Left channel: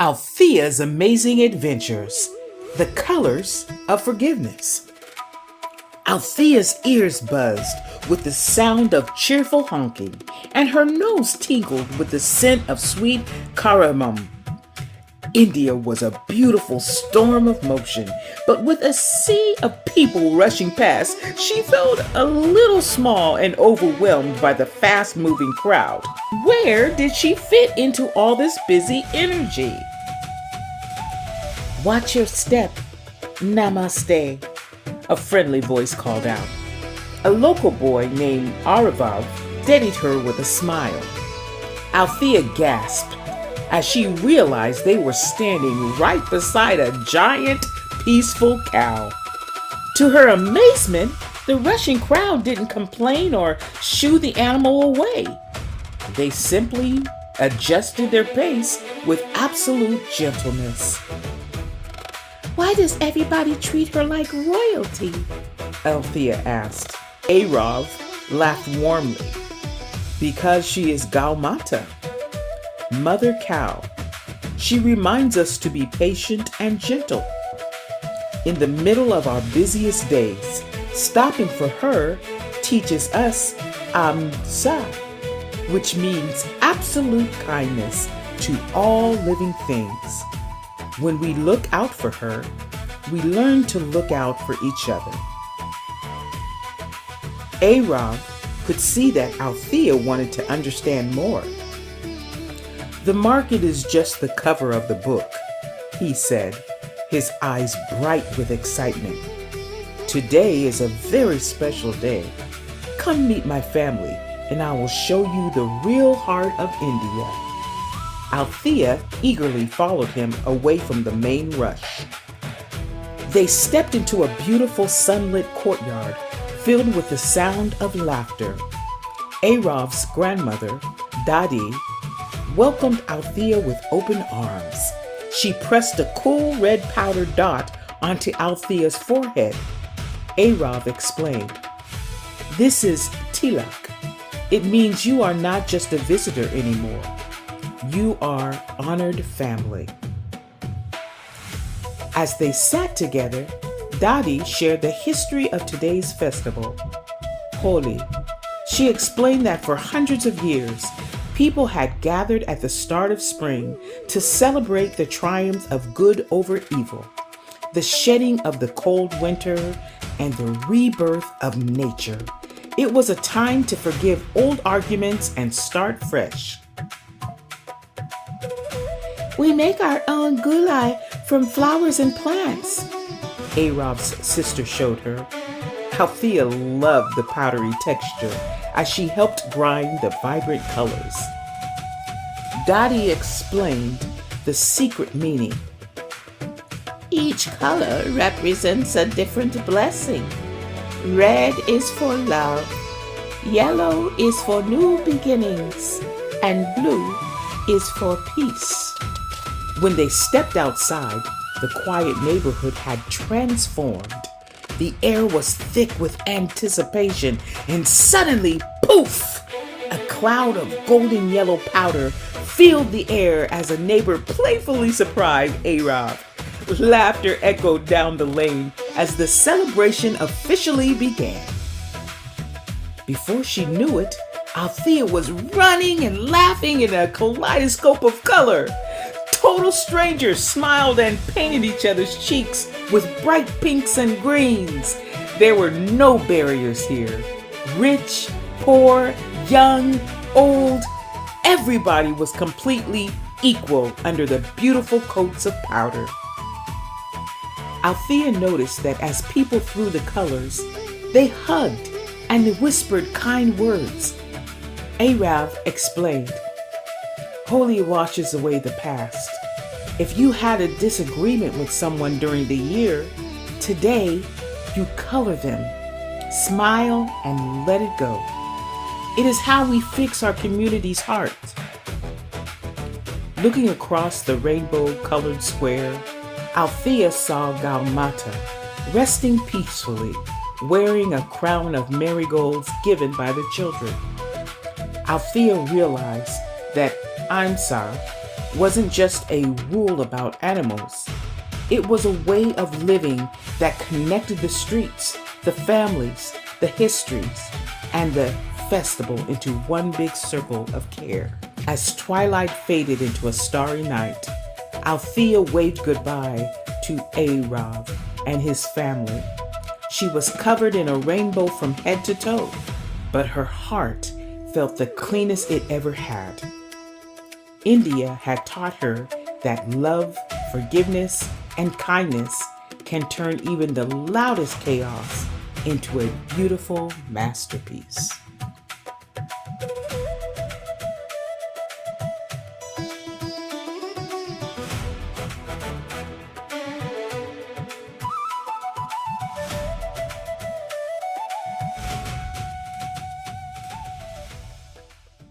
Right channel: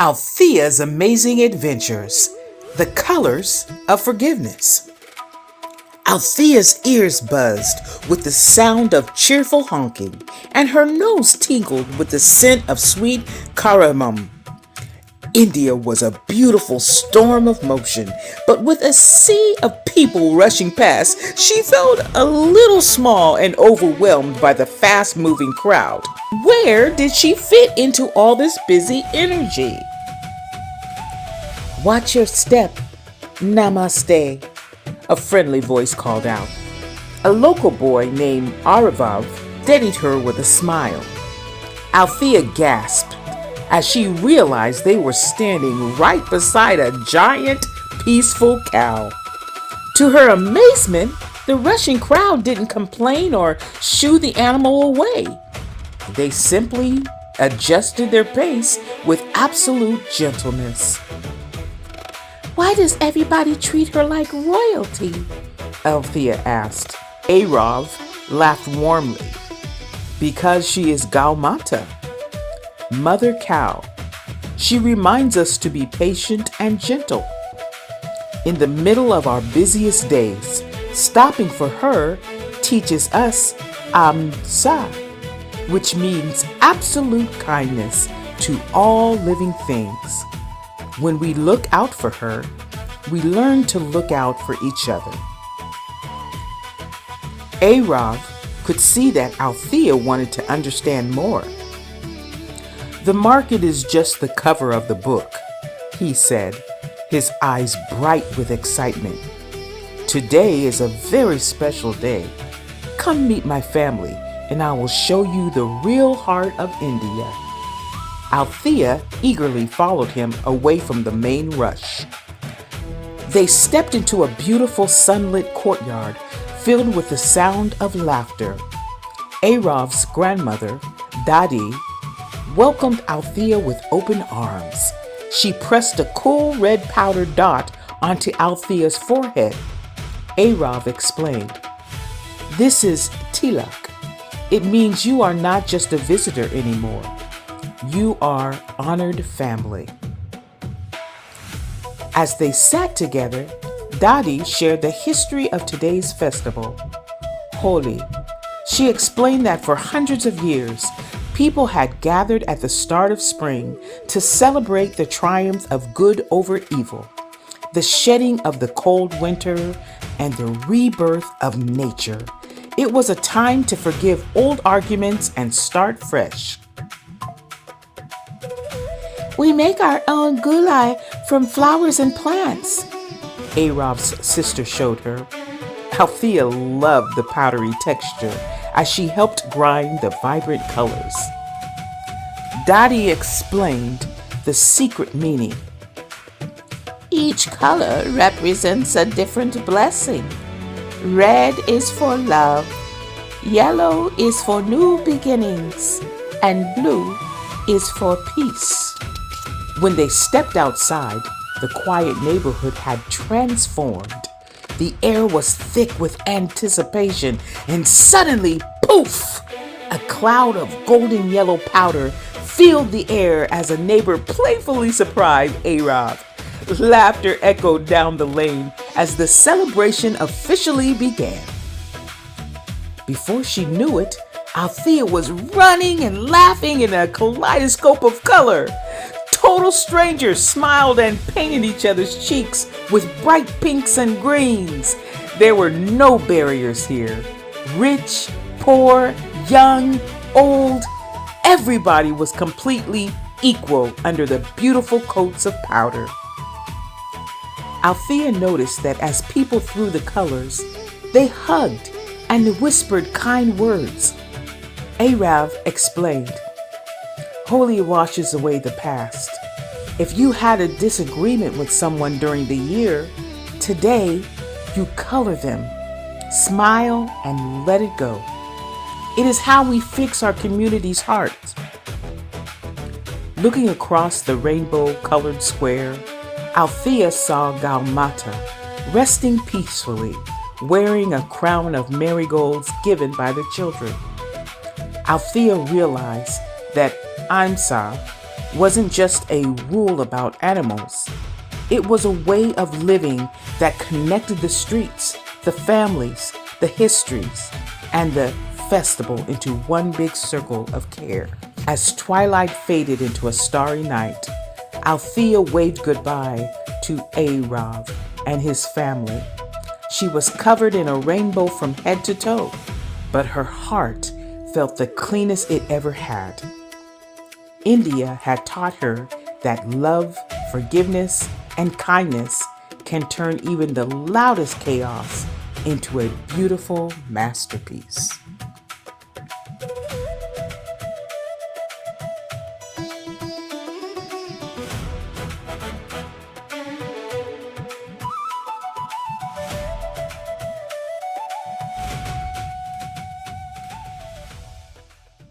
Althea's Amazing Adventures, The Colors of Forgiveness. Althea's ears buzzed with the sound of cheerful honking, and her nose tingled with the scent of sweet cardamom. India was a beautiful storm of motion, but with a sea of people rushing past, she felt a little small and overwhelmed by the fast-moving crowd. Where did she fit into all this busy energy? Watch your step. Namaste, a friendly voice called out. A local boy named Aravav steadied her with a smile. Althea gasped as she realized they were standing right beside a giant, peaceful cow. To her amazement, the rushing crowd didn't complain or shoo the animal away. They simply adjusted their pace with absolute gentleness. "Why does everybody treat her like royalty?" Althea asked. Arav laughed warmly. "Because she is Gaumata, Mother Cow. She reminds us to be patient and gentle. In the middle of our busiest days, stopping for her teaches us Amsa, which means absolute kindness to all living things. When we look out for her, we learn to look out for each other." Arav could see that Althea wanted to understand more. "The market is just the cover of the book," he said, his eyes bright with excitement. "Today is a very special day. Come meet my family, and I will show you the real heart of India." Althea eagerly followed him away from the main rush. They stepped into a beautiful sunlit courtyard filled with the sound of laughter. Arav's grandmother, Dadi, welcomed Althea with open arms. She pressed a cool red powder dot onto Althea's forehead. Arav explained, "This is tilak. It means you are not just a visitor anymore. You are honored family." As they sat together, Dadi shared the history of today's festival, Holi. She explained that for hundreds of years, people had gathered at the start of spring to celebrate the triumph of good over evil, the shedding of the cold winter, and the rebirth of nature. It was a time to forgive old arguments and start fresh. "We make our own gulai from flowers and plants," Arav's sister showed her. Althea loved the powdery texture as she helped grind the vibrant colors. Dadi explained the secret meaning. "Each color represents a different blessing. Red is for love, yellow is for new beginnings, and blue is for peace." When they stepped outside, the quiet neighborhood had transformed. The air was thick with anticipation, and suddenly, poof! A cloud of golden yellow powder filled the air as a neighbor playfully surprised Arav. Laughter echoed down the lane as the celebration officially began. Before she knew it, Althea was running and laughing in a kaleidoscope of color. Total strangers smiled and painted each other's cheeks with bright pinks and greens. There were no barriers here. Rich, poor, young, old, everybody was completely equal under the beautiful coats of powder. Althea noticed that as people threw the colors, they hugged and whispered kind words. Arav explained, "Holi washes away the past. If you had a disagreement with someone during the year, today you color them, smile, and let it go. It is how we fix our community's heart." Looking across the rainbow-colored square, Althea saw Gaumata resting peacefully, wearing a crown of marigolds given by the children. Althea realized that Amsa wasn't just a rule about animals. It was a way of living that connected the streets, the families, the histories, and the festival into one big circle of care. As twilight faded into a starry night, Althea waved goodbye to Arav and his family. She was covered in a rainbow from head to toe, but her heart felt the cleanest it ever had. India had taught her that love, forgiveness, and kindness can turn even the loudest chaos into a beautiful masterpiece.